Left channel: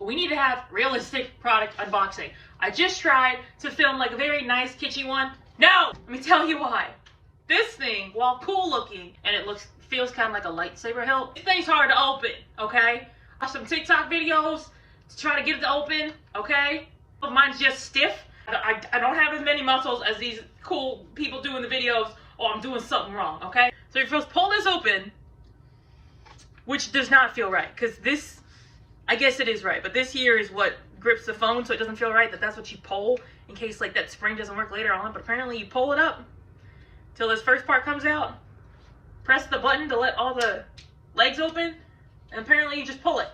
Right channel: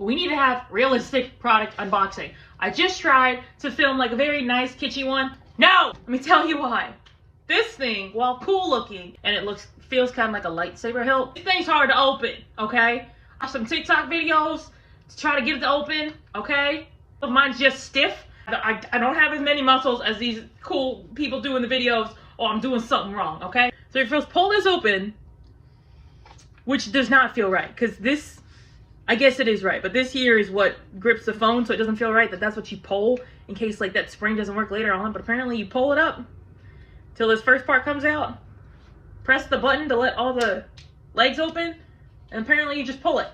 We need to have realistic product unboxing. I just tried to film like a very nice kitschy one. No! Let me tell you why. This thing, while cool looking, and it feels kind of like a lightsaber hilt, this thing's hard to open, okay? I have some TikTok videos to try to get it to open, okay? But mine's just stiff. I don't have as many muscles as these cool people do in the videos, or I'm doing something wrong, okay? So if you pull this open, which does not feel right, because this, I guess it is right, but this here is what grips the phone, so it doesn't feel right that that's what you pull in case like that spring doesn't work later on. But apparently you pull it up till this first part comes out, press the button to let all the legs open, and apparently you just pull it.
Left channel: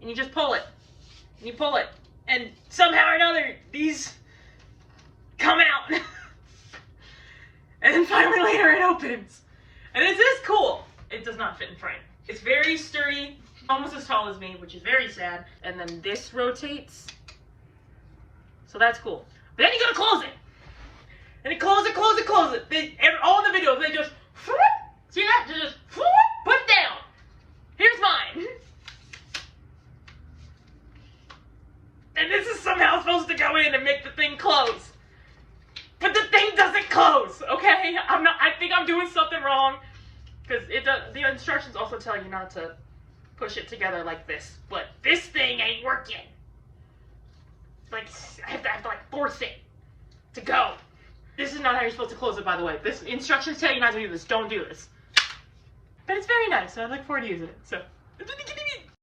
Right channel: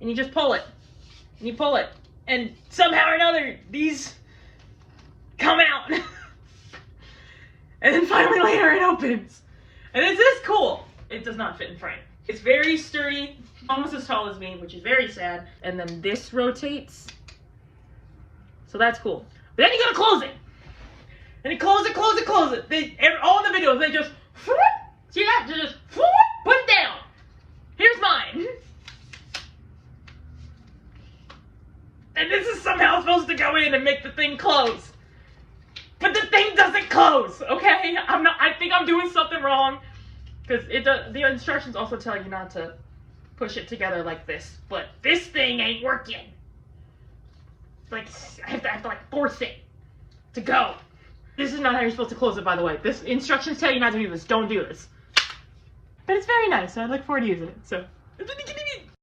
And you just pull it. And you pull it. And somehow or another, these come out. And then finally later it opens. And it's this cool. It does not fit in frame. It's very sturdy, almost as tall as me, which is very sad. And then this rotates. So that's cool. But then you gotta close it. And you close it. All the videos, they just, see that? They just, put it down. Here's mine. And this is somehow supposed to go in and make the thing close. But the thing doesn't close, okay? I think I'm doing something wrong. Because the instructions also tell you not to push it together like this. But this thing ain't working. Like, I have to like force it to go. This is not how you're supposed to close it, by the way. This instructions tell you not to do this. Don't do this. But it's very nice, so I look forward to using it. So,